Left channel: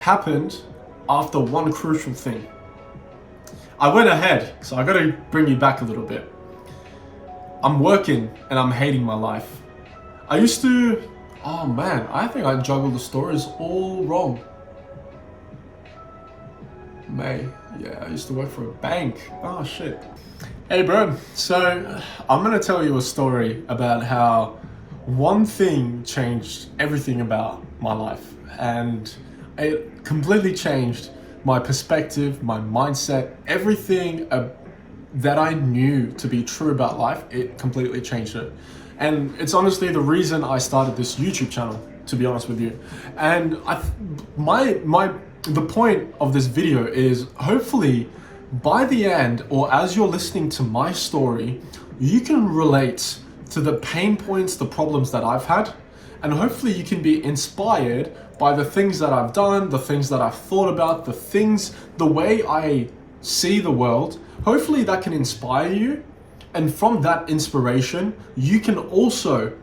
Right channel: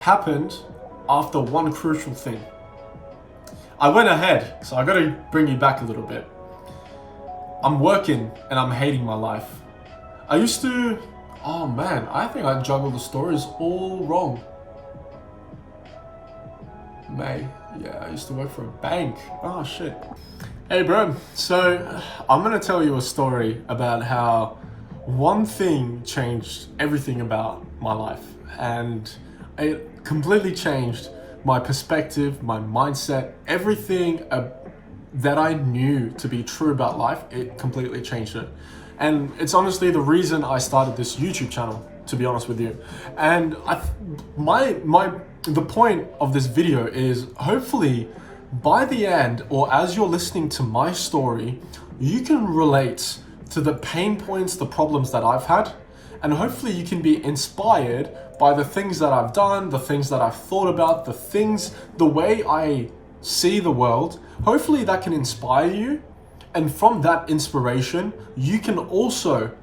happened after one crucial thing. I went ahead, so I gotta bring you back a little bit. I'm working and I'm hating my life. I used to, oh man, I think I juggled the stories all wrong. Yeah, I used to work for a bank. Oh shit. Hey bro, so I'm gonna tell you a story about how one thing changed everything about my life, and it completely changed my perspective, my mindset, everything that I knew to be true about life. It completely changed it. And it's honestly the reason I started this YouTube channel, to be honest with you. And the point of this video is hopefully by the end, or as you're listening to my story, you can relate to the pain points, the problems that I've had, and hopefully you can be inspired by the things that I've done, the things that I've thought about, the way I see the world. Hopefully that can inspire you. And from that inspiration, you can also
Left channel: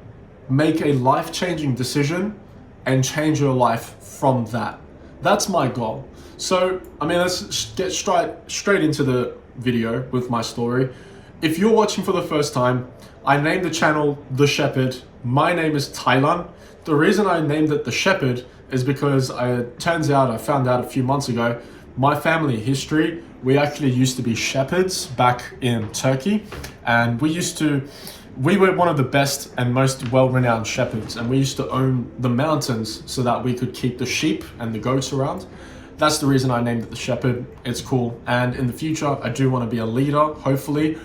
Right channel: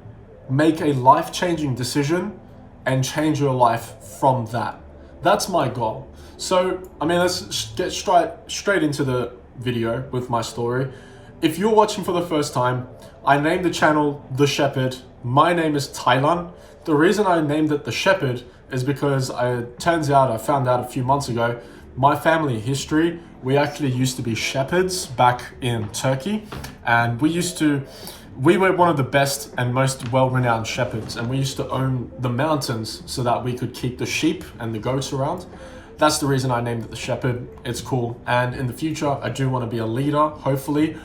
make a life-changing decision and change your life from that. That's my goal. So, let's get straight into the video with my story. If you're watching for the first time, I named the channel The Shepherd. My name is Thailand. The reason I named it The Shepherd is because it turns out, I found out a few months ago, my family history, we actually used to be shepherds back in Turkey. And we were one of the best and most well-renowned shepherds, and we used to own the mountains so that we could keep the sheep and the goats around. That's the reason I named it The Shepherd. It's cool. And in the future, I do want to be a leader, hopefully.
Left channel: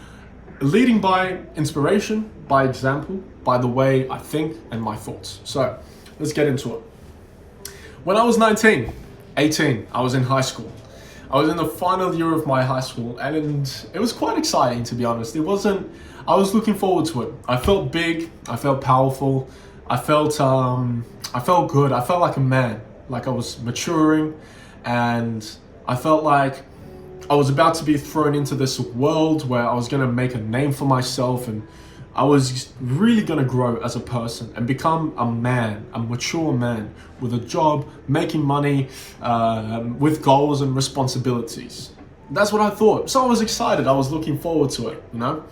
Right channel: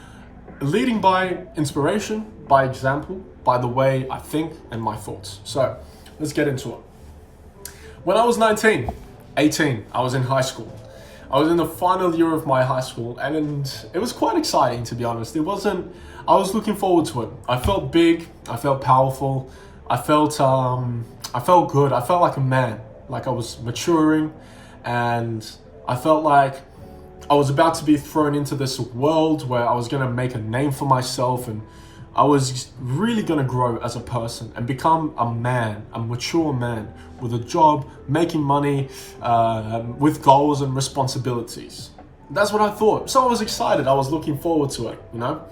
Leading by inspiration, by example, by the way I think and my thoughts. So let's get into it. When I was 18, I was in high school. I was in the final year of my high school, and it was quite exciting, to be honest. I was looking forward to it. I felt big, I felt powerful, I felt good, I felt like a man, like I was maturing, and I felt like I was about to be thrown into this world where I was going to make a name for myself, and I was really going to grow as a person and become a man, a mature man with a job, making money, with goals and responsibilities. That's what I thought. So I was excited. I was looking forward to it, you know?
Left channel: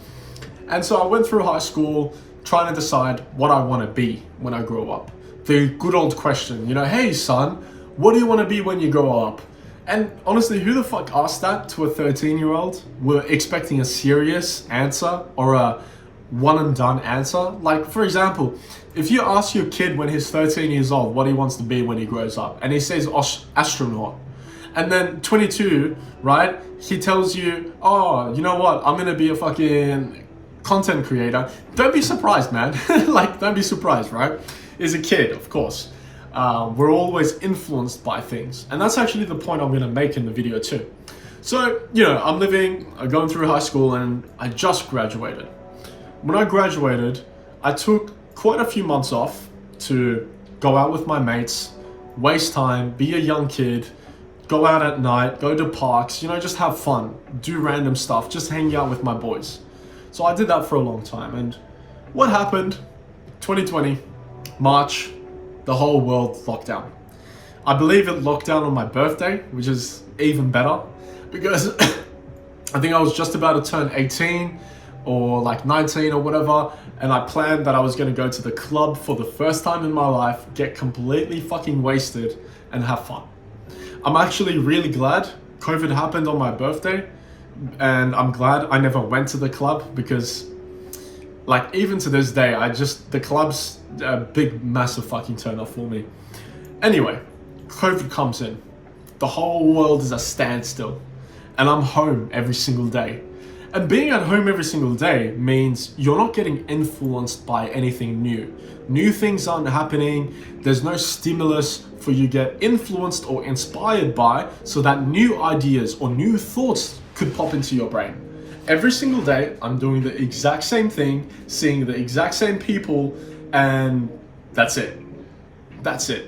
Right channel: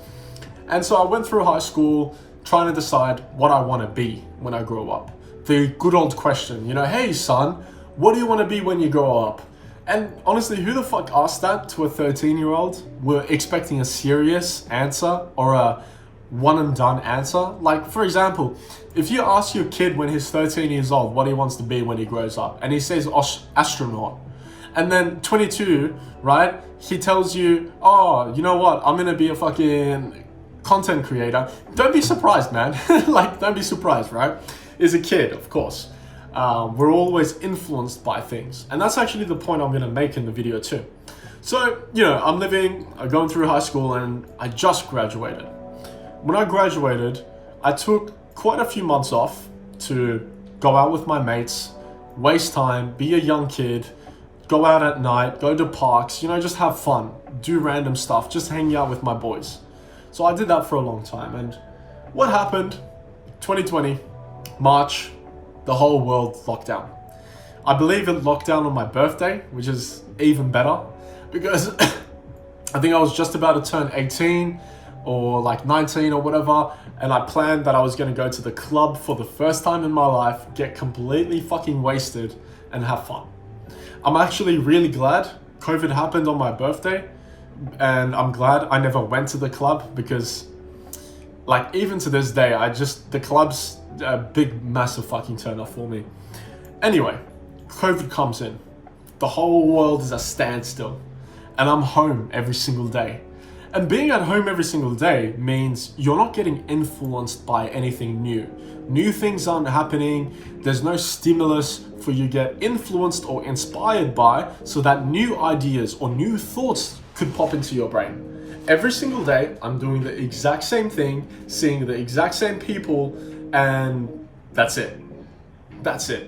And so I went through high school trying to decide what I want to be when I grow up. The good old question, hey son, what do you want to be when you grow up? And honestly, who the fuck asked that to a 13-year-old? We're expecting a serious answer or a one and done answer. Like, for example, if you ask your kid when he's 13 years old what he wants to be when he grows up, and he says astronaut, and then 22, right, he tells you, oh, you know what, I'm gonna be a fucking content creator. Don't be surprised, man. Like, don't be surprised, right? He's a kid, of course. We're always influenced by things, and that's actually the point I'm gonna make in the video too. So, I'm going through high school, and I just graduated. When I graduated, I took quite a few months off to go out with my mates, waste time, be a young kid, go out at night, go to parks, just have fun, do random stuff, just hang out with my boys. So I did that for a long time. And what happened? 2020, March, the whole world locked down. I believe it locked down on my birthday, which is even better, because I think I was just about to turn 18 or like 19 or whatever, and I planned that I was going to go to the club for the first time in my life, get completely fucking wasted and have fun. I'm actually really glad COVID happened on my birthday, and I'm glad I never went to the club, because like even to this day, the club's a big massive fucking turn off for me. Anyway, COVID comes in, the whole world is a standstill, and I'm home every single day. And being at home every single day means you're not getting influenced by anything new. New things aren't happening. There's no stimulus for you to get influenced or inspired by, so that new ideas or new thoughts could pop into your brain. Every single day, I'm doing the exact same thing, seeing the exact same people, and that's it. That's it.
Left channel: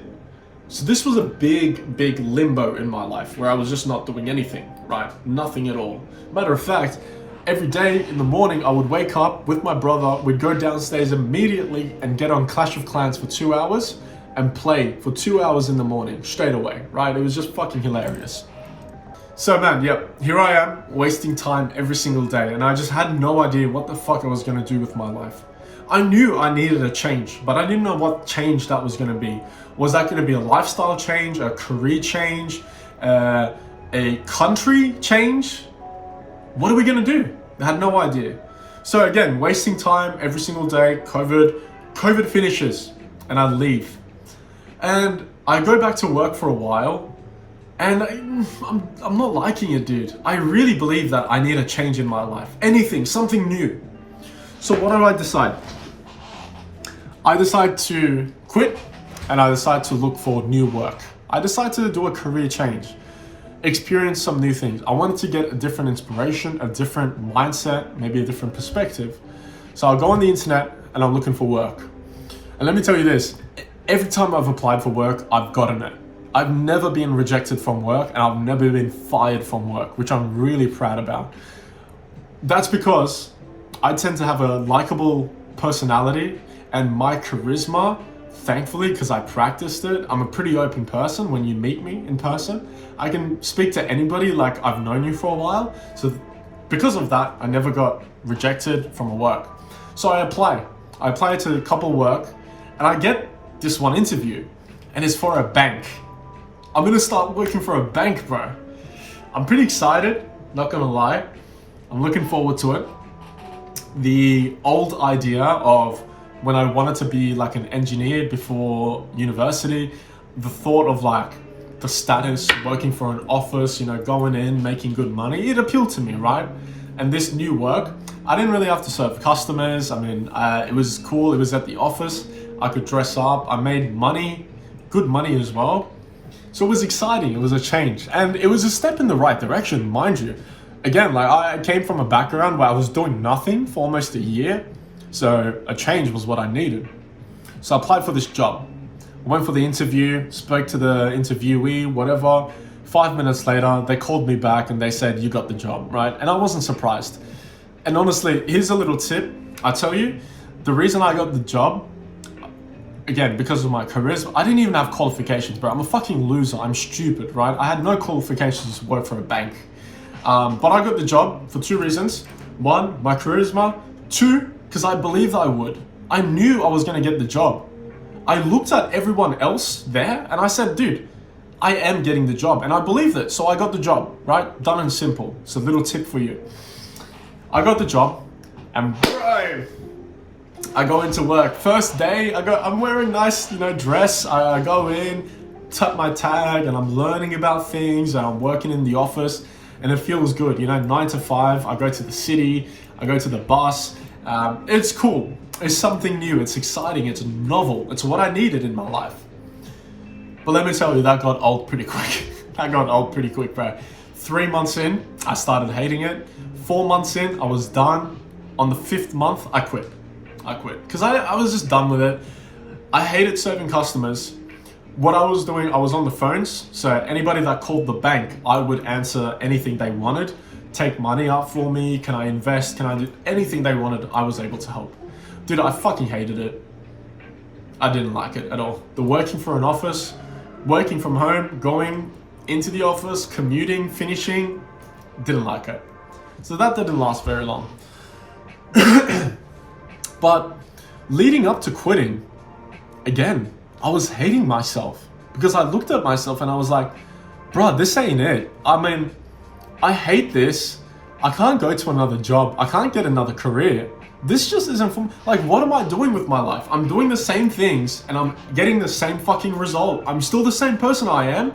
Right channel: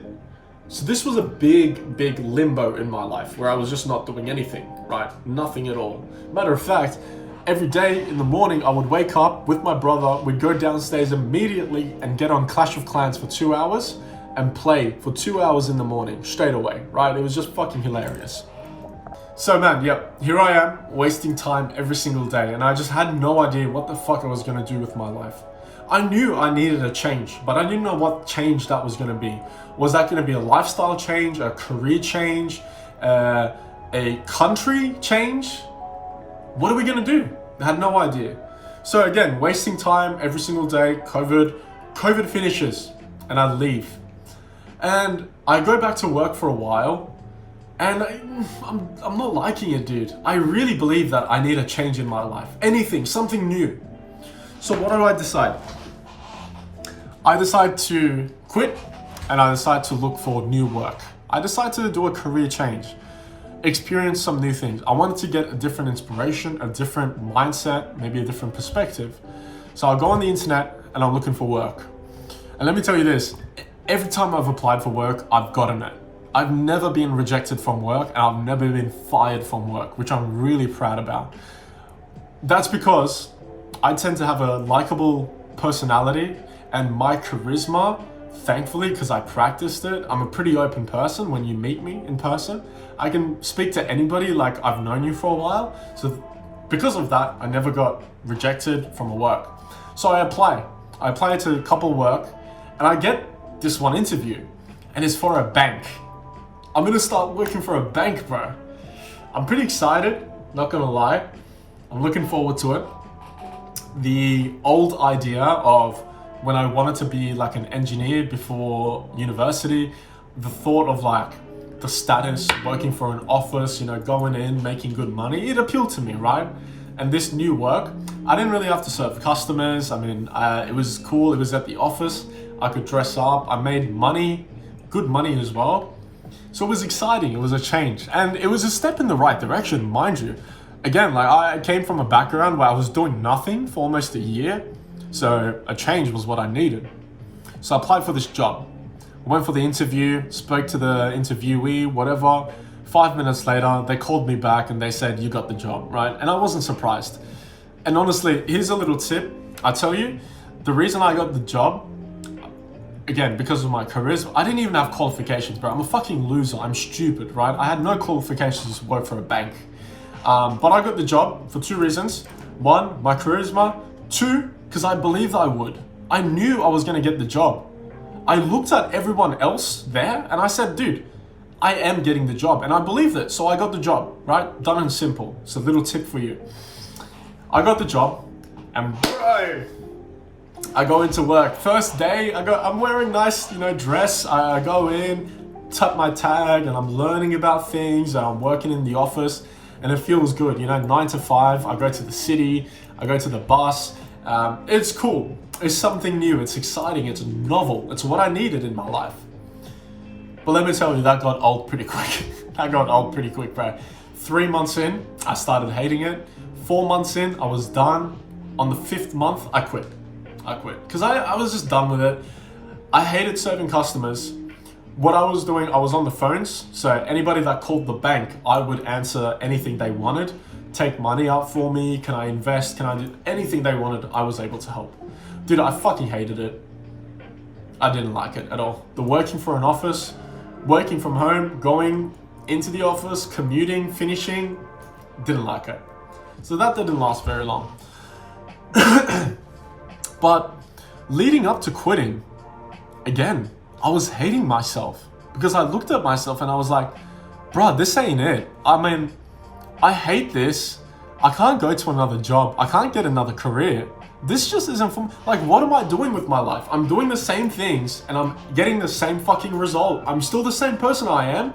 So this was a big limbo in my life where I was just not doing anything, right? Nothing at all. Matter of fact, every day in the morning, I would wake up with my brother, we'd go downstairs immediately and get on Clash of Clans for 2 hours, and play for 2 hours in the morning straight away, right? It was just fucking hilarious. So man, yep, here I am wasting time every single day, and I just had no idea what the fuck I was gonna do with my life. I knew I needed a change, but I didn't know what change that was gonna be. Was that gonna be a lifestyle change, a career change, a country change? What are we gonna do? I had no idea. So again, wasting time every single day. COVID finishes, and I leave, and I go back to work for a while, and I'm not liking it, dude. I really believe that I need a change in my life. Anything, something new. So what did I decide? I decided to quit, and I decided to look for new work. I decided to do a career change, experience some new things. I wanted to get a different inspiration, a different mindset, maybe a different perspective. So I'll go on the internet and I'm looking for work. And let me tell you this, every time I've applied for work, I've gotten it. I've never been rejected from work, and I've never been fired from work, which I'm really proud about. That's because I tend to have a likable personality, and my charisma, thankfully, because I practiced it, I'm a pretty open person. When you meet me in person, I can speak to anybody like I've known you for a while. So because of that, I never got rejected from a work. So I apply to a couple work, and I get this one interview, and it's for a bank. I'm gonna start working for a bank, bro. I'm pretty excited, not gonna lie. I'm looking forward to it. The old idea of when I wanted to be like an engineer before university, the thought of like the status, working for an office, you know, going in, making good money, it appealed to me, right? And this new work, I didn't really have to serve customers. I mean, it was cool. It was at the office. I could dress up. I made money, good money as well. So it was exciting. It was a change, and it was a step in the right direction, mind you. Again, like I came from a background where I was doing nothing for almost a year. So a change was what I needed. So I applied for this job. I went for the interview, spoke to the interviewee, whatever. 5 minutes later, they called me back and they said, you got the job, right? And I wasn't surprised. And honestly, here's a little tip. I tell you, the reason I got the job, again, because of my charisma, I didn't even have qualifications, bro. I'm a fucking loser. I'm stupid, right? I had no qualifications to work for a bank. But I got the job for 2 reasons. 1, my charisma. 2, because I believed I would. I knew I was going to get the job. I looked at everyone else there and I said, dude, I am getting the job, and I believed it. So I got the job, right? Done and simple. It's a little tip for you. I got the job, and bro, I go into work. First day, I'm wearing nice, dress. I go in, tap my tag, and I'm learning about things, and I'm working in the office, and it feels good. 9 to 5, I go to the city, I go to the bus. It's cool. It's something new. It's exciting. It's novel. It's what I needed in my life. But let me tell you, that got old pretty quick. Bro. 3 months in, I started hating it. 4 months in, I was done. On the 5th month, I quit. Because I was just done with it. I hated serving customers. What I was doing, I was on the phones. So anybody that called the bank, I would answer anything they wanted. Take money out for me. Can I invest? Can I do anything they wanted? I was able to help. Dude, I fucking hated it. I didn't like it at all. The working for an office, working from home, going into the office, commuting, finishing, didn't like it. So that didn't last very long. But leading up to quitting, again, I was hating myself because I looked at myself and I was like, bro, this ain't it. I mean, I hate this. I can't go to another job. I can't get another career. This just isn't for me. Like, what am I doing with my life? I'm doing the same things and I'm getting the same fucking result. I'm still the same person I am.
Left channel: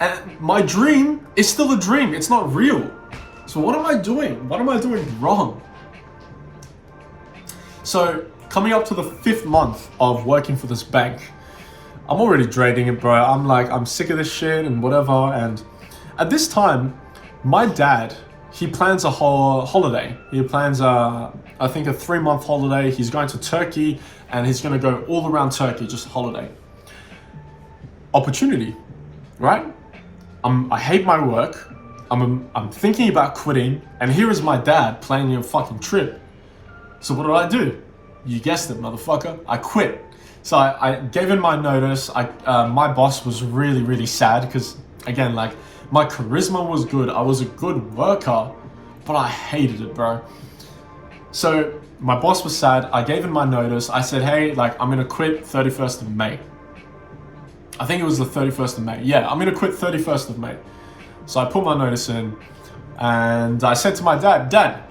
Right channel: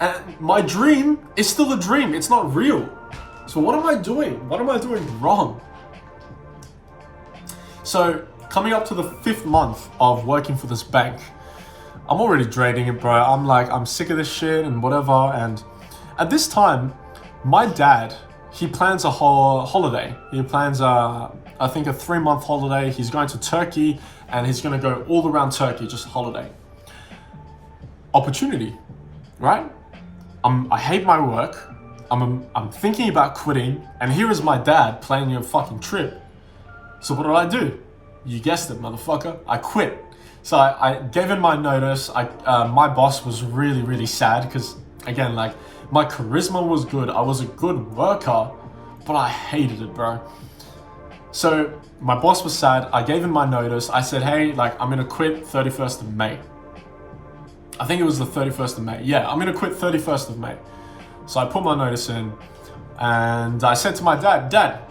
And my dream is still a dream. It's not real. So what am I doing? What am I doing wrong? So coming up to the 5th month of working for this bank, I'm already dreading it, bro. I'm like, I'm sick of this shit and whatever. And at this time, my dad, he plans a whole holiday. He plans I think a 3-month holiday. He's going to Turkey and he's going to go all around Turkey, just a holiday. Opportunity, right? I hate my work. I'm thinking about quitting, and here is my dad planning a fucking trip. So what do? You guessed it, motherfucker. I quit. So I gave in my notice. My boss was really, really sad because, again, like, my charisma was good. I was a good worker, but I hated it, bro. So my boss was sad. I gave in my notice. I said, hey, like, I'm gonna quit 31st of May. I think it was the 31st of May. Yeah, I'm gonna quit 31st of May. So I put my notice in and I said to my Dad,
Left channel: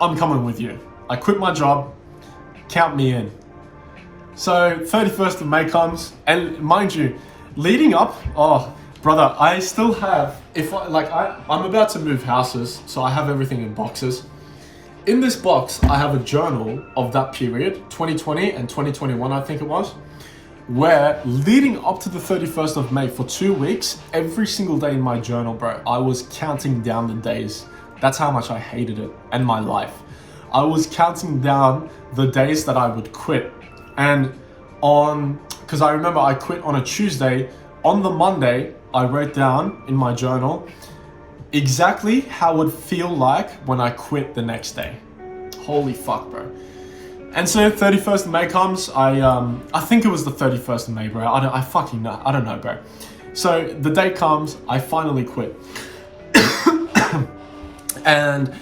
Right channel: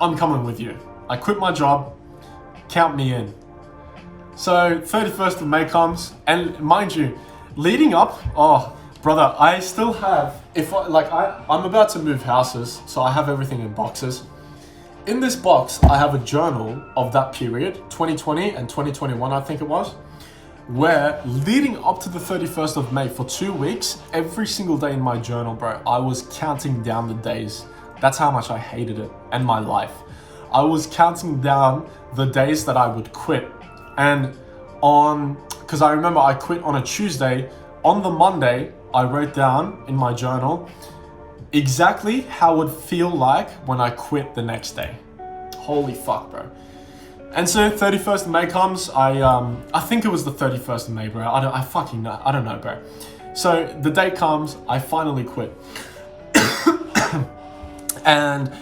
I'm coming with you. I quit my job, count me in. So 31st of May comes, and mind you, leading up, oh brother, I still have, I'm about to move houses, so I have everything in boxes. In this box, I have a journal of that period, 2020 and 2021, I think it was, where leading up to the 31st of May for 2 weeks, every single day in my journal, bro, I was counting down the days. That's how much I hated it and my life. I was counting down the days that I would quit. And because I remember I quit on a Tuesday, on the Monday, I wrote down in my journal exactly how it would feel like when I quit the next day. Holy fuck, bro. And so 31st of May comes, I think it was the 31st of May, bro. I don't know, bro. So the day comes, I finally quit. And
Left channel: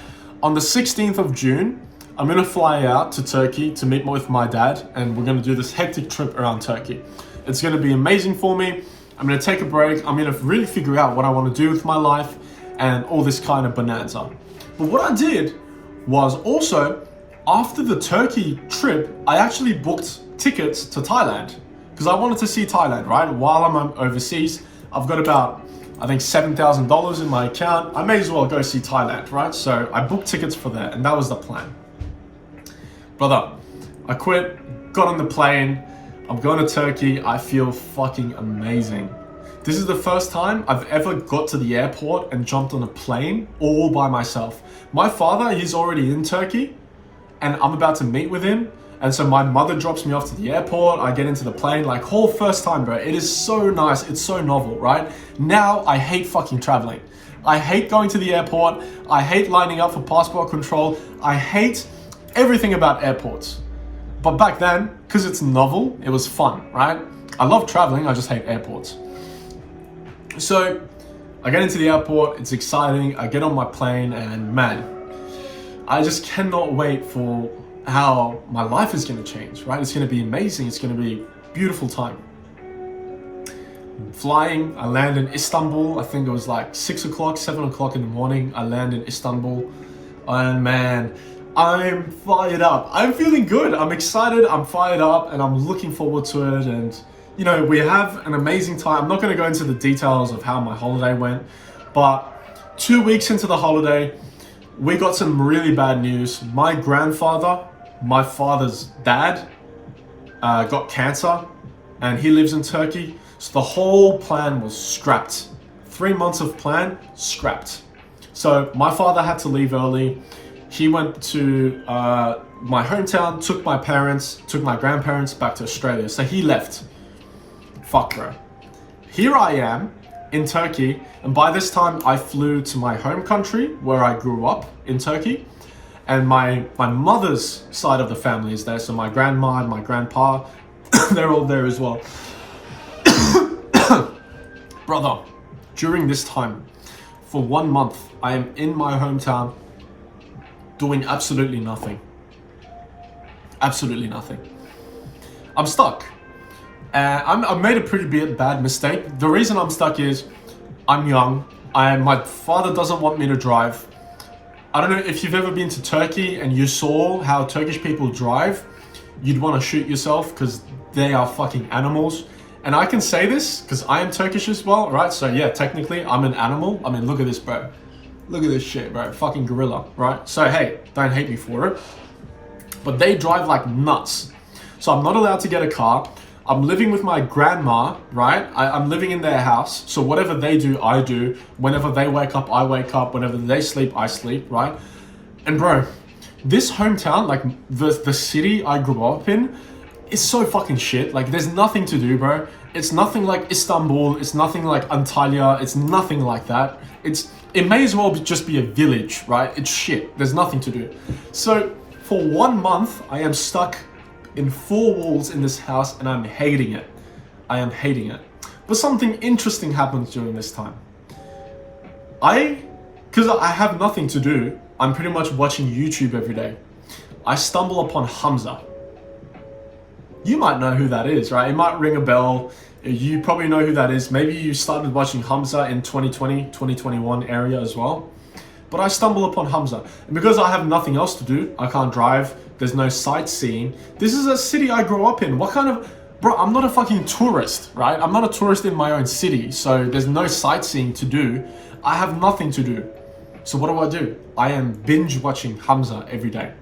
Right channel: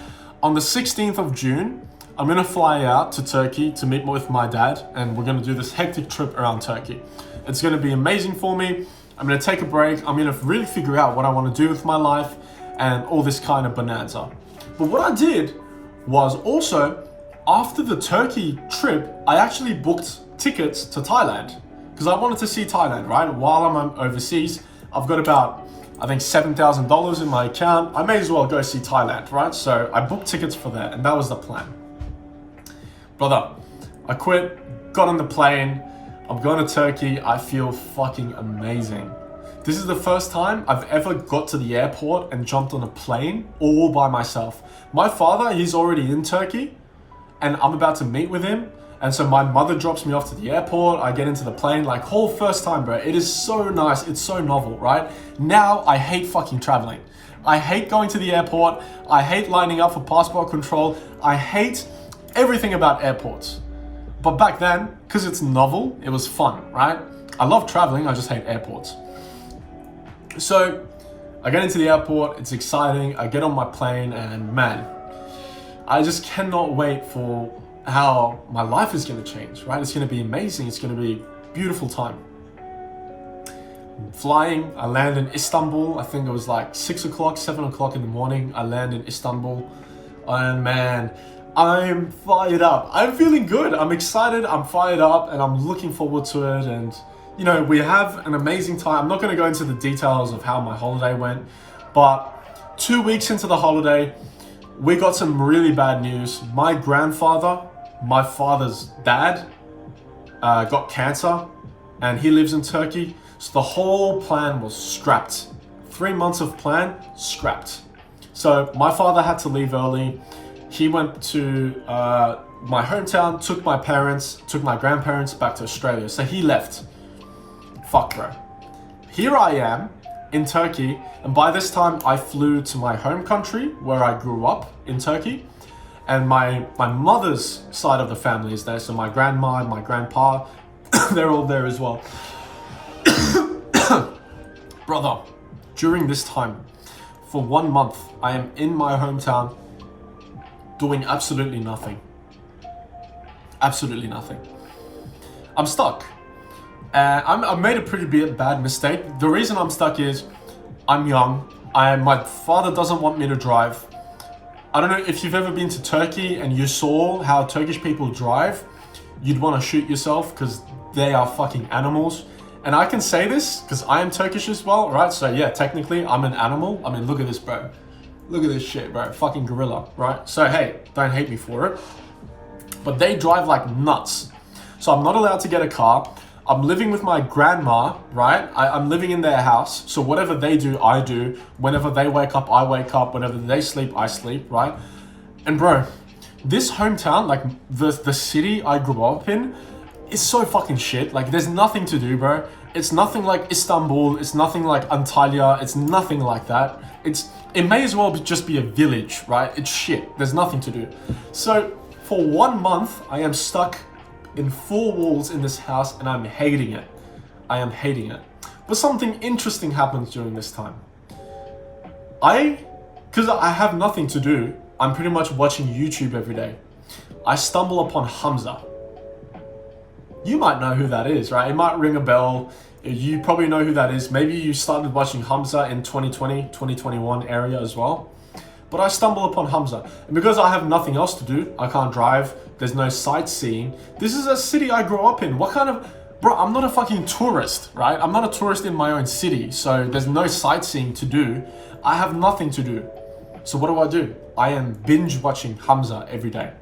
on the 16th of June, I'm gonna fly out to Turkey to meet with my dad, and we're gonna do this hectic trip around Turkey. It's gonna be amazing for me. I'm gonna take a break. I'm gonna really figure out what I wanna do with my life and all this kind of bonanza. But what I did was also, after the Turkey trip, I actually booked tickets to Thailand because I wanted to see Thailand, right? While I'm overseas, I've got about, I think, $7,000 in my account. I may as well go see Thailand, right? So I booked tickets for that, and that was the plan. Brother, I quit, got on the plane, I'm going to Turkey. I feel fucking amazing. This is the first time I've ever got to the airport and jumped on a plane all by myself. My father, he's already in Turkey, and I'm about to meet with him. And so my mother drops me off to the airport. I get into the plane, like, whole first time, bro. It is so nice. It's so novel, right? Now I hate fucking traveling. I hate going to the airport. I hate lining up for passport control. I hate everything about airports. But back then, because it's novel, it was fun, right? I love traveling. I just hate airports. So I get into the airport. It's exciting. I get on my plane, and man, I just cannot wait for how my life is going to change, right? It's going to be amazing. It's going to be a beautiful time. I'm flying, I land in Istanbul. I think it was like 6 o'clock, 7 o'clock in the morning. I land in Istanbul, and man, I'm fired up. I'm feeling good. I'm excited. I'm fired up, and I'm looking forward to it. And you know, we have an amazing time. I'm not going to go into the details of how my holiday went, but 2 weeks into the holiday, we got some really bad news. My grandfather, my father's dad, got cancer, and he lives in Turkey. So the whole plan was scrapped. 3 months of plan, scrapped. So my father had to leave early. He went to my hometown, took my grandparents back to Australia. So he left. Fuck, bro. Here I am in Turkey, and by this time I flew to my home country where I grew up in Turkey, and my mother's side of the family is there. So my grandma and my grandpa, they're all there as well. Brother, during this time, for 1 month, I am in my hometown doing absolutely nothing. Absolutely nothing. I'm stuck. I made a pretty bad mistake. The reason I'm stuck is I'm young. My father doesn't want me to drive. I don't know if you've ever been to Turkey and you saw how Turkish people drive. You'd want to shoot yourself because they are fucking animals. And I can say this because I am Turkish as well, right? So yeah, technically I'm an animal. I mean, look at this, bro. Look at this shit, bro. Fucking gorilla, right? So hey, don't hate me for it. But they drive like nuts. So I'm not allowed to get a car. I'm living with my grandma, right? I'm living in their house. So whatever they do, I do. Whenever they wake up, I wake up. Whenever they sleep, I sleep, right? And bro, this hometown, like the city I grew up in, is so fucking shit. Like there's nothing to do, bro. It's nothing like Istanbul. It's nothing like Antalya. It's nothing like that. It may as well just be a village, right? It's shit. There's nothing to do. So for 1 month, I am stuck in four walls in this house, and I'm hating it. I am hating it. But something interesting happens during this time. Because I have nothing to do, I'm pretty much watching YouTube every day. I stumble upon Hamza. You might know who that is, right? It might ring a bell. You probably know who that is. Maybe you started watching Hamza in 2020, 2021 area as well. But I stumble upon Hamza. And because I have nothing else to do, I can't drive, there's no sightseeing. This is a city I grew up in. What kind of... Bro, I'm not a fucking tourist, right? I'm not a tourist in my own city, so there's no sightseeing to do. I have nothing to do. So what do? I am binge watching Hamza every day.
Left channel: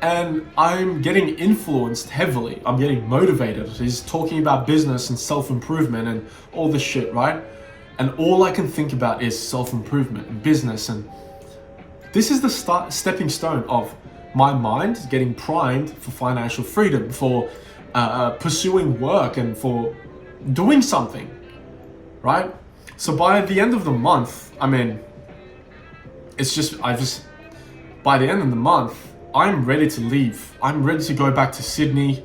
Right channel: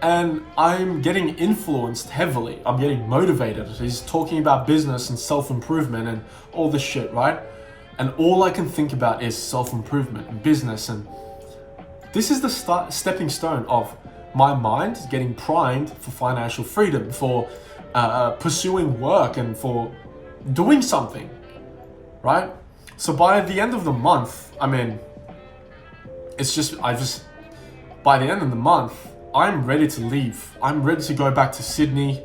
And I'm getting influenced heavily. I'm getting motivated. He's talking about business and self-improvement and all this shit, right? And all I can think about is self-improvement and business. And this is the stepping stone of my mind getting primed for financial freedom, for pursuing work and for doing something, right? So by the end of the month, I mean, by the end of the month, I'm ready to leave. I'm ready to go back to Sydney.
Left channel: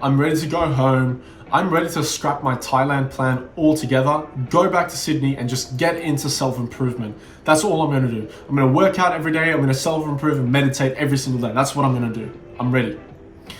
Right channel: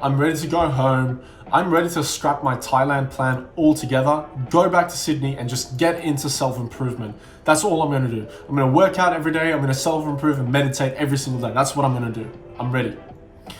I'm ready to go home. I'm ready to scrap my Thailand plan altogether, go back to Sydney and just get into self-improvement. That's all I'm gonna do. I'm gonna work out every day. I'm gonna self-improve and meditate every single day. That's what I'm gonna do. I'm ready.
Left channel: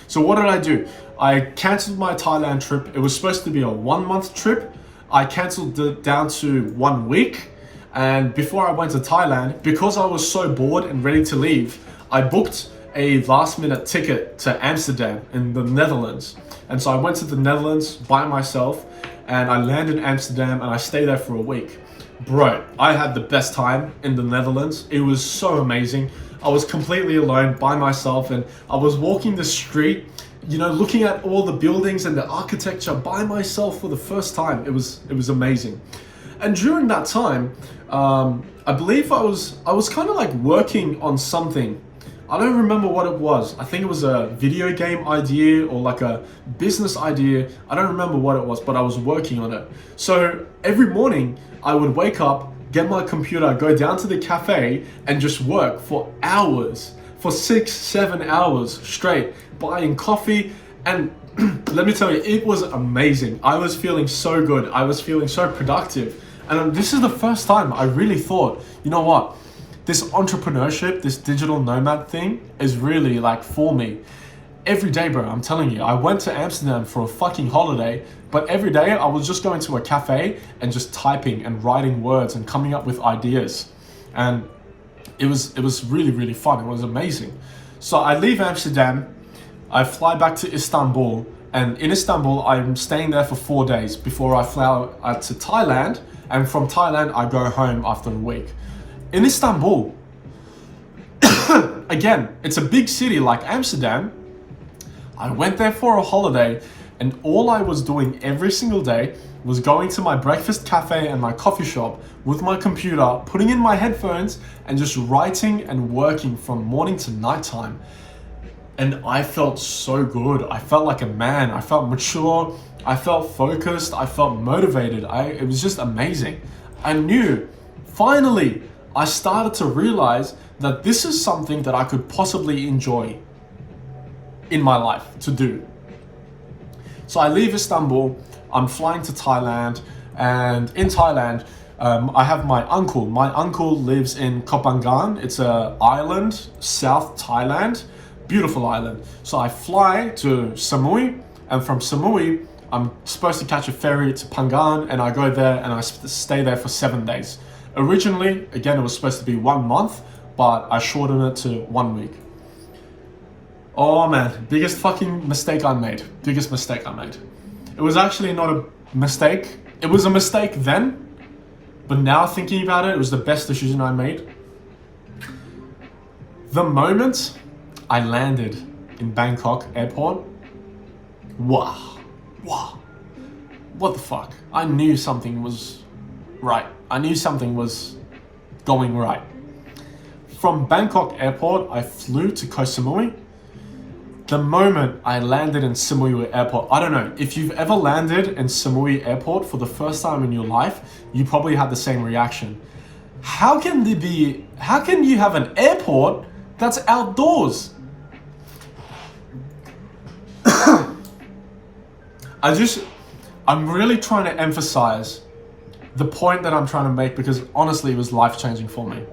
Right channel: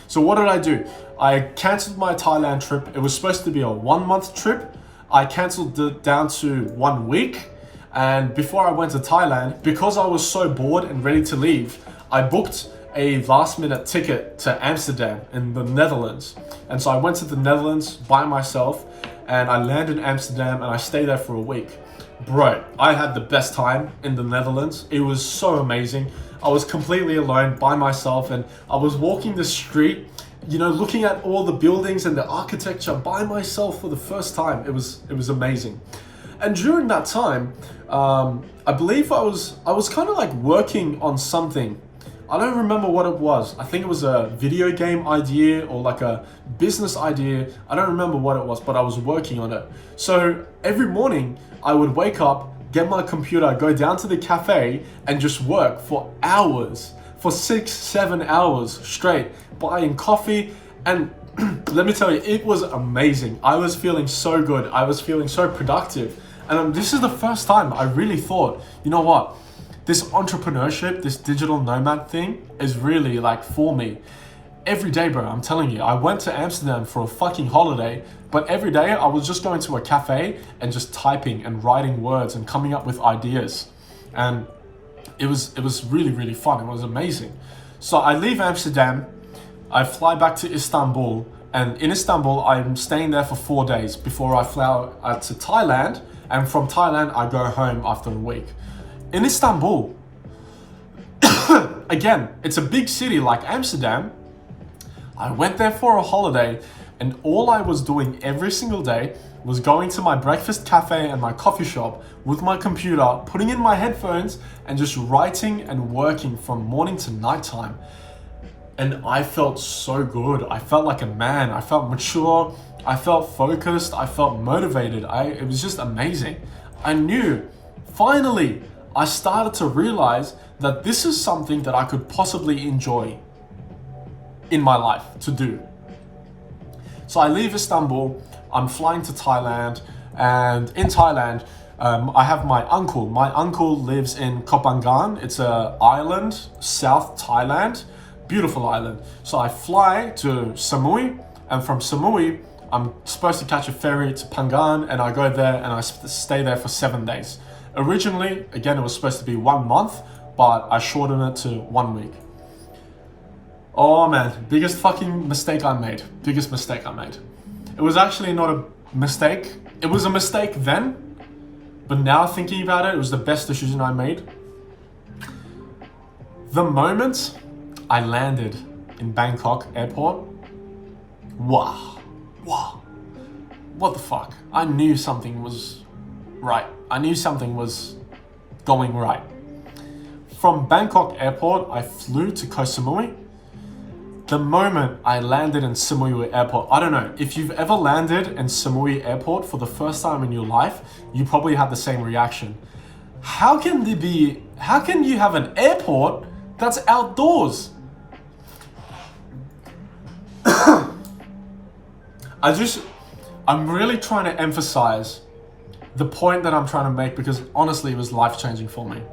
So what did I do? I canceled my Thailand trip. It was supposed to be a 1 month trip. I canceled it down to 1 week. And before I went to Thailand, because I was so bored and ready to leave, I booked a last minute ticket to Amsterdam in the Netherlands. And so I went to the Netherlands by myself and I landed in Amsterdam and I stayed there for a week. Bro, I had the best time in the Netherlands. It was so amazing. I was completely alone by myself and I was walking the street, you know, looking at all the buildings and the architecture by myself for the first time. It was amazing. And during that time, I believe I was kind of like working on something. I don't remember what it was. I think it was a video game idea or like a business idea. I don't remember what it was, but I was working on it. So every morning I would wake up, get my computer, go down to the cafe and just work for hours, for 6-7 hours straight, buying coffee. And let me tell you, it was amazing. I was feeling so good. I was feeling so productive. And this is the first time I really thought, you know what? This entrepreneurship, this digital nomad thing is really like for me. Every day, bro, I'm telling you, I went to Amsterdam for a fucking holiday, but every day I was just going to a cafe and just typing and writing words and coming up with ideas. And it was really, really fun. It was amazing. So I leave Amsterdam, I fly back to Istanbul, and in Istanbul, I'm staying there for 4 days before I fly out to Thailand. And from Thailand, I go home after a week. In Istanbul, again, it's a big city like Amsterdam. I went there for a holiday and all I was doing every single day was going to my breakfast cafe and my coffee shop with my computer, putting in my headphones and just writing and working from morning to nighttime. And I felt so good. I felt like a man. I felt mature. I felt focused. I felt motivated. It was just amazing. I knew, finally, I started to realize that this is something that I could possibly enjoy in my life to do. So I leave Istanbul, I'm flying to Thailand, and in Thailand, I have my uncle. My uncle lives in Koh Phangan. It's an island, South Thailand, beautiful island. So I fly to Samui, and from Samui, I'm supposed to catch a ferry to Phangan, and I go there and I stay there for 7 days. Originally, again, it was supposed to be 1 month, but I shortened it to 1 week. Oh man, biggest fucking mistake I made. Biggest mistake I made. It was actually not a mistake. It was a mistake then, but now thinking about it, it was the best decision I made. The moment I landed in Bangkok airport, wow, what the fuck? I knew something was right. I knew something was going right. From Bangkok airport, I flew to Koh Samui. The moment I landed in Samui airport, I don't know, if you've ever landed in Samui airport for the first time in your life, you probably had the same reaction. How can you have an airport that's outdoors? I'm really trying to emphasize the point that I'm trying to make, because honestly, it was life-changing for me.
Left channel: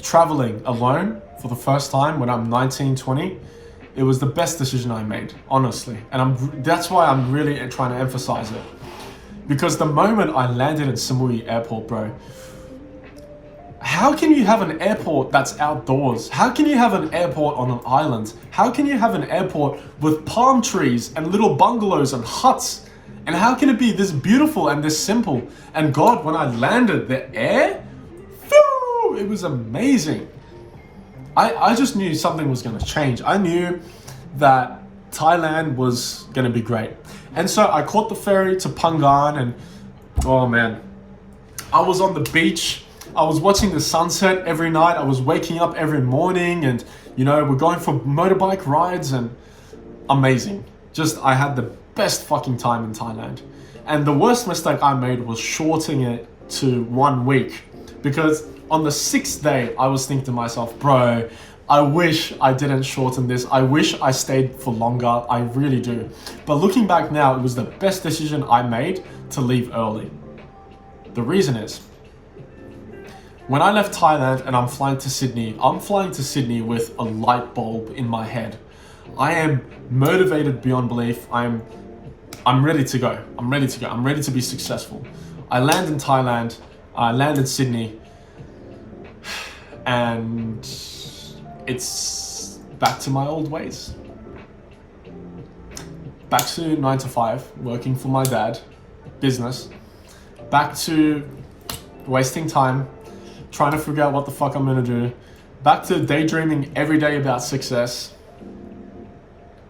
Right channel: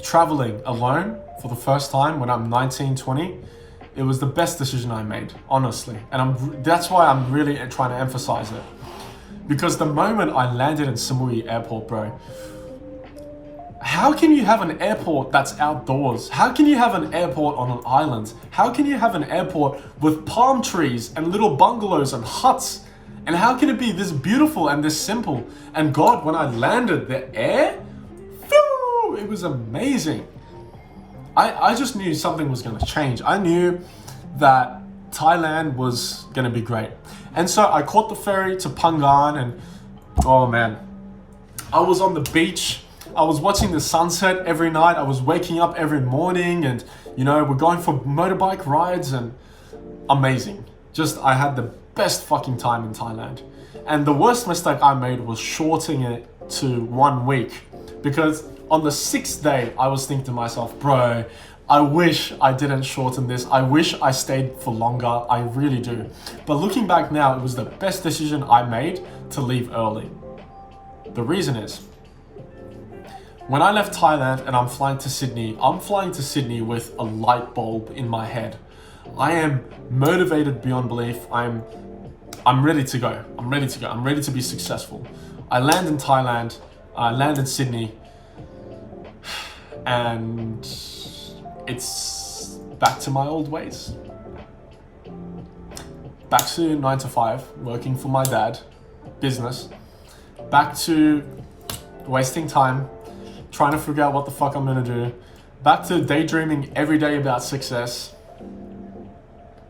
Traveling alone for the first time when I'm 19, 20, it was the best decision I made, honestly. And that's why I'm really trying to emphasize it. Because the moment I landed in Samui Airport, bro, how can you have an airport that's outdoors? How can you have an airport on an island? How can you have an airport with palm trees and little bungalows and huts? And how can it be this beautiful and this simple? And God, when I landed, the air, phew, it was amazing. I just knew something was going to change. I knew that Thailand was going to be great. And so I caught the ferry to Phangan, and oh man, I was on the beach. I was watching the sunset every night. I was waking up every morning, and you know, we're going for motorbike rides, and amazing. Just, I had the best fucking time in Thailand. And the worst mistake I made was shorting it to 1 week, because on the 6th day, I was thinking to myself, bro, I wish I didn't shorten this. I wish I stayed for longer. I really do. But looking back now, it was the best decision I made to leave early. The reason is, when I left Thailand and I'm flying to Sydney with a light bulb in my head. I am motivated beyond belief. I'm ready to go. I'm ready to go. I'm ready to be successful. I land in Thailand. I land in Sydney. And it's back to my old ways. Back to 9 to 5, working for my dad, business. Back to wasting time, trying to figure out what the fuck I'm gonna do. Back to daydreaming every day about success.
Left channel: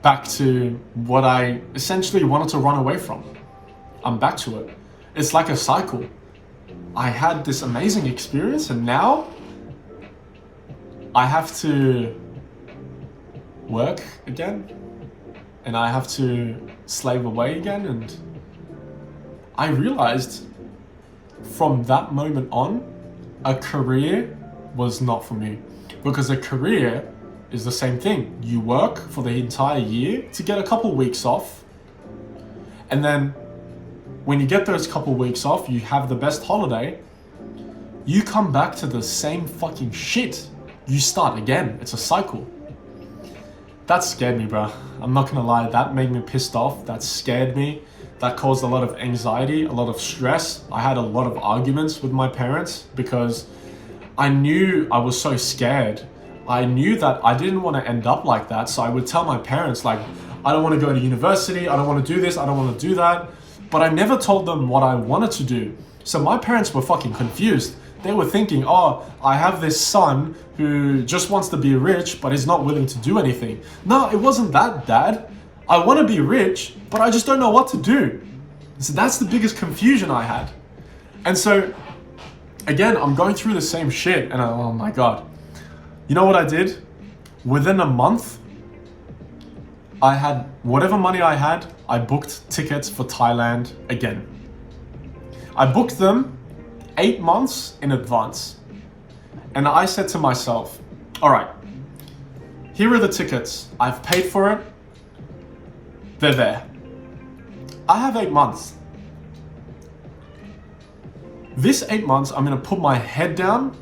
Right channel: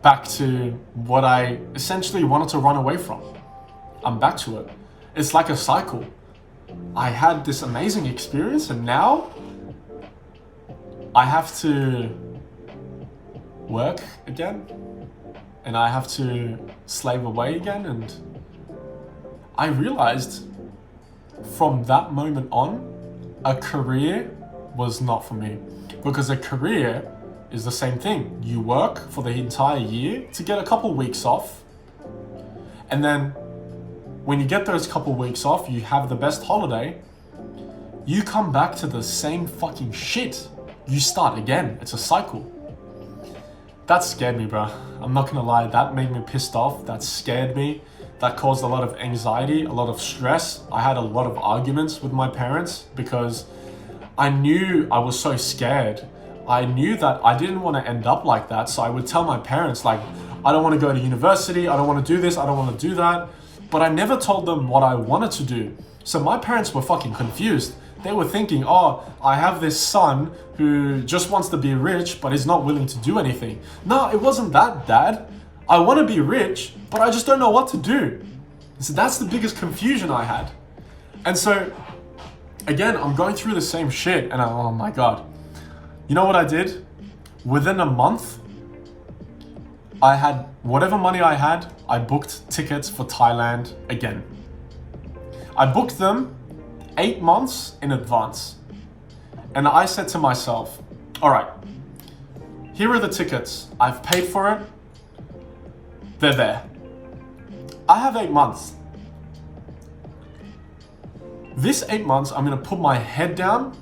Back to what I essentially wanted to run away from. I'm back to it. It's like a cycle. I had this amazing experience, and now I have to work again, and I have to slave away again. And I realized from that moment on, a career was not for me, because a career is the same thing. You work for the entire year to get a couple weeks off, and then when you get those couple weeks off, you have the best holiday, you come back to the same fucking shit. You start again. It's a cycle. That scared me, bro. I'm not gonna lie, that made me pissed off. That scared me. That caused a lot of anxiety, a lot of stress. I had a lot of arguments with my parents because I knew I was so scared. I knew that I didn't want to end up like that. So I would tell my parents, like, I don't want to go to university. I don't want to do this. I don't want to do that. But I never told them what I wanted to do. So my parents were fucking confused. They were thinking, oh, I have this son who just wants to be rich, but is not willing to do anything. No, it wasn't that, Dad. I want to be rich, but I just don't know what to do. So that's the biggest confusion I had. And so, again, I'm going through the same shit, and oh my God. You know what I did? Within a month, I had whatever money I had, I booked tickets for Thailand again. I booked them 8 months in advance. And I said to myself, all right, here are the tickets. I've paid for it. They're there. I have 8 months. This 8 months, I'm gonna put my head down,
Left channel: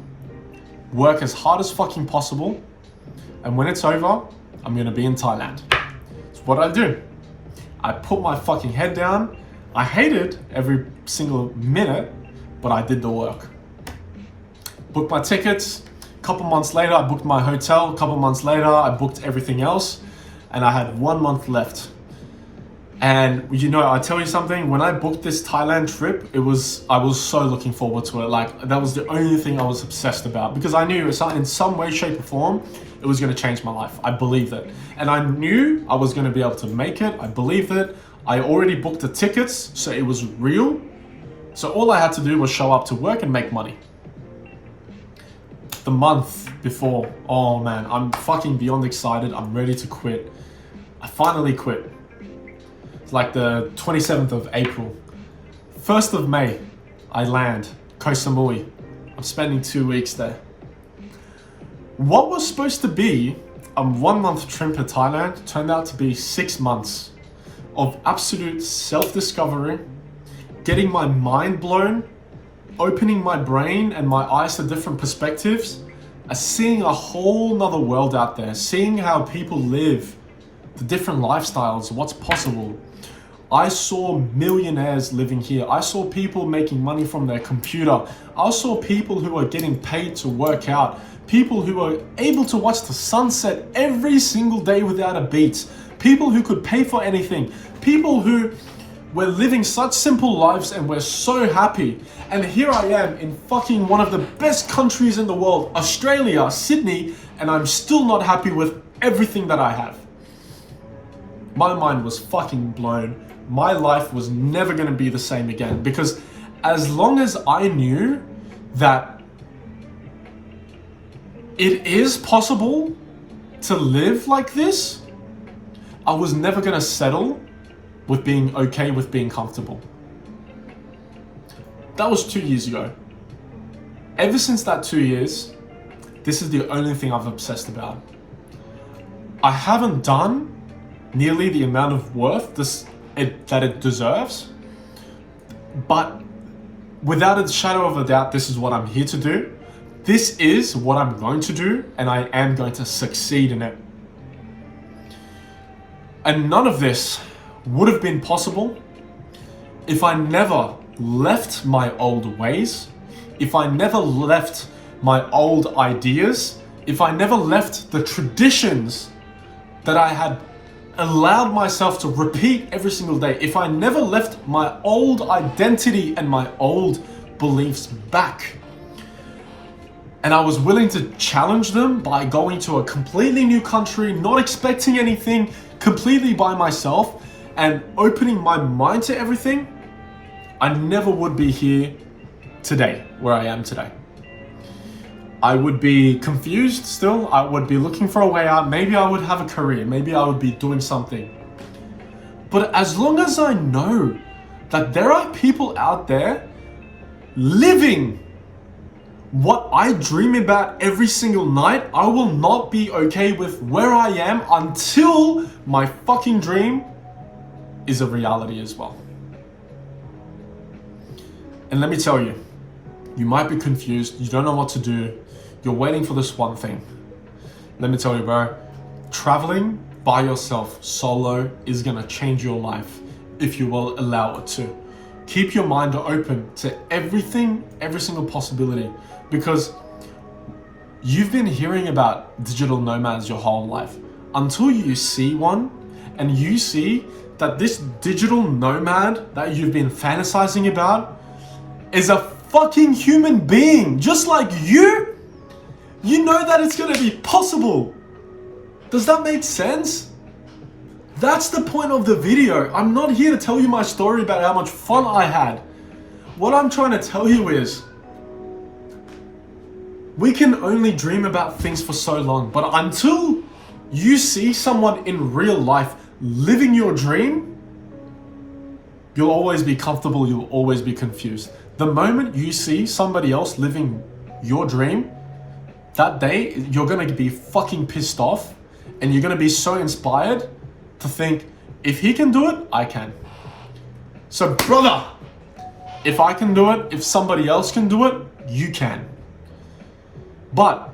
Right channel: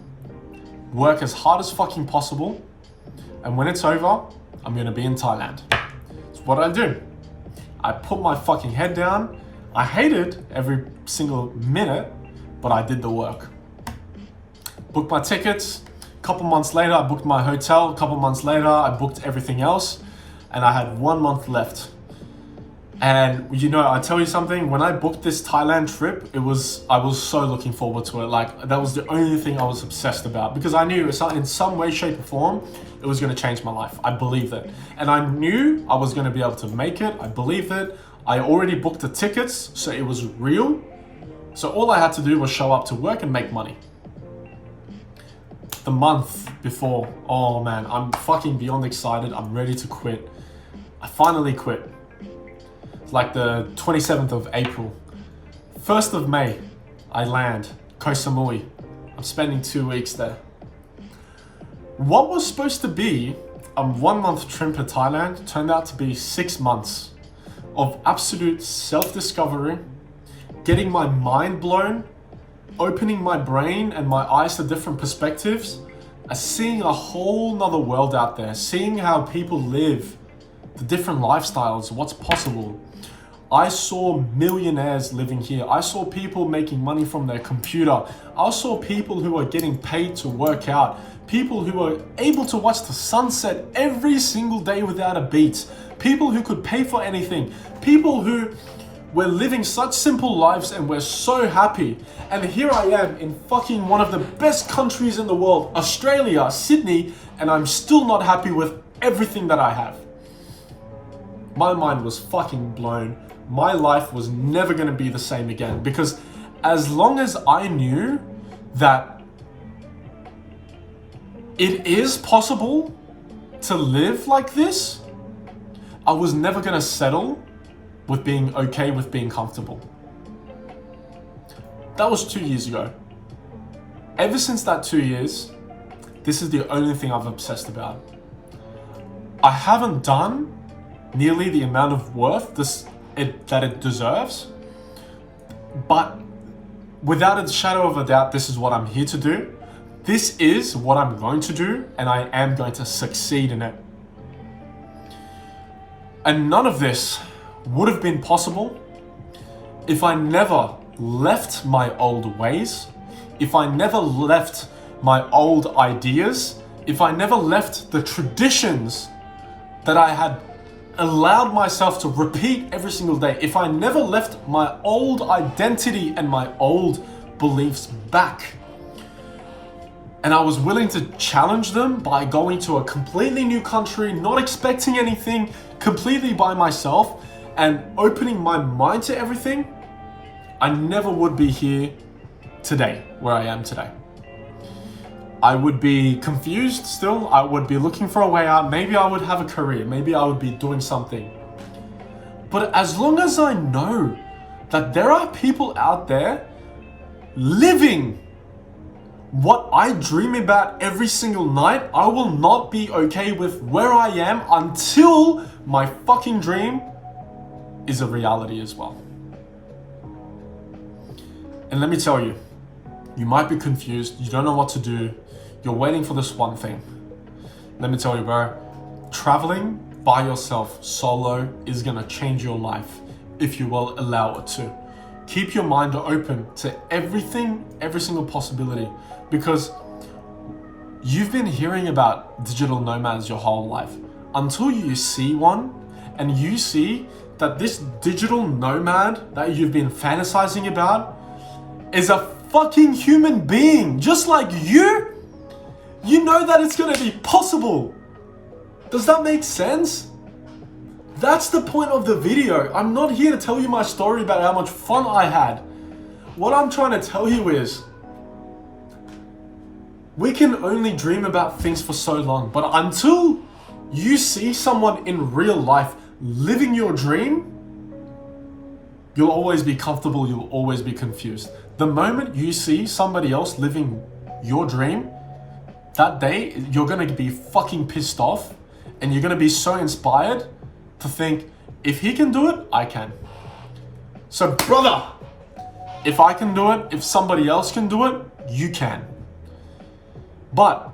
work as hard as fucking possible, and when it's over, I'm gonna be in Thailand. It's what I do. I put my fucking head down. I hated every single minute, but I did the work. Booked my tickets. A couple months later, I booked my hotel. A couple months later, I booked everything else, and I had 1 month left. And you know, I tell you something, when I booked this Thailand trip, I was so looking forward to it. Like, that was the only thing I was obsessed about, because I knew in some way, shape or form, it was gonna change my life. I believed it. And I knew I was gonna be able to make it. I believed it. I already booked the tickets, so it was real. So all I had to do was show up to work and make money. The month before, oh man, I'm fucking beyond excited. I'm ready to quit. I finally quit. Like the 27th of April. 1st of May, I land, Koh Samui. I'm spending 2 weeks there. What was supposed to be a 1 month trip to Thailand turned out to be 6 months. of absolute self-discovery, getting my mind blown, opening my brain and my eyes to different perspectives, seeing a whole nother world out there, seeing how people live, the different lifestyles, what's possible. I saw millionaires living here. I saw people making money from their computer. I saw people who are getting paid to work out. People who are able to watch the sunset every single day without a beat. People who could pay for anything. People who were living such simple lives and were so happy. And here I am in fucking one of the best countries in the world, Australia, Sydney, and I'm still not happy with everything that I have. My mind was fucking blown. My life was never going to be the same again, because as long as I knew that it is possible to live like this, I was never going to settle with being okay with being comfortable. That was 2 years ago. Ever since that 2 years, this is the only thing I've obsessed about. I haven't done nearly the amount of worth that it deserves, but without a shadow of a doubt, this is what I'm here to do. This is what I'm going to do, and I am going to succeed in it. And none of this would have been possible if I never left my old ways, if I never left my old ideas, if I never left the traditions that I had allowed myself to repeat every single day, if I never left my old identity and my old beliefs back, and I was willing to challenge them by going to a completely new country, not expecting anything, completely by myself, and opening my mind to everything, I never would be here today, where I am today. I would be confused still. I would be looking for a way out. Maybe I would have a career. Maybe I would be doing something. But as long as I know that there are people out there living what I dream about every single night, I will not be okay with where I am until my fucking dream is a reality as well. And let me tell you, you might be confused, you don't know what to do, you're waiting for this one thing. Let me tell you, bro, traveling by yourself, solo, is gonna change your life if you will allow it to. Keep your mind open to everything, every single possibility, because you've been hearing about digital nomads your whole life. Until you see one and you see that this digital nomad that you've been fantasizing about is a fucking human being just like you know that it's gonna be possible. Does that make sense? That's the point of the video. I'm not here to tell you my story about how much fun I had. What I'm trying to tell you is, we can only dream about things for so long, but until you see someone in real life living your dream, you'll always be comfortable, you'll always be confused. The moment you see somebody else living your dream, that day you're gonna be fucking pissed off, and you're gonna be so inspired to think, if he can do it, I can. So brother, if I can do it, if somebody else can do it, you can. But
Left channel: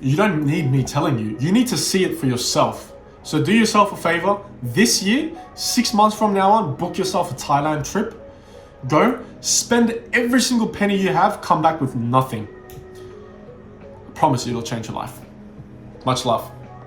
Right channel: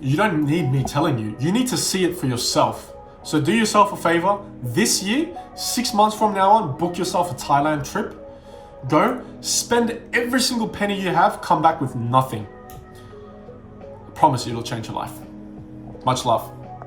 you don't need me telling you. You need to see it for yourself. So do yourself a favor. This year, 6 months from now on, book yourself a Thailand trip. Go, spend every single penny you have, come back with nothing. I promise you it'll change your life. Much love.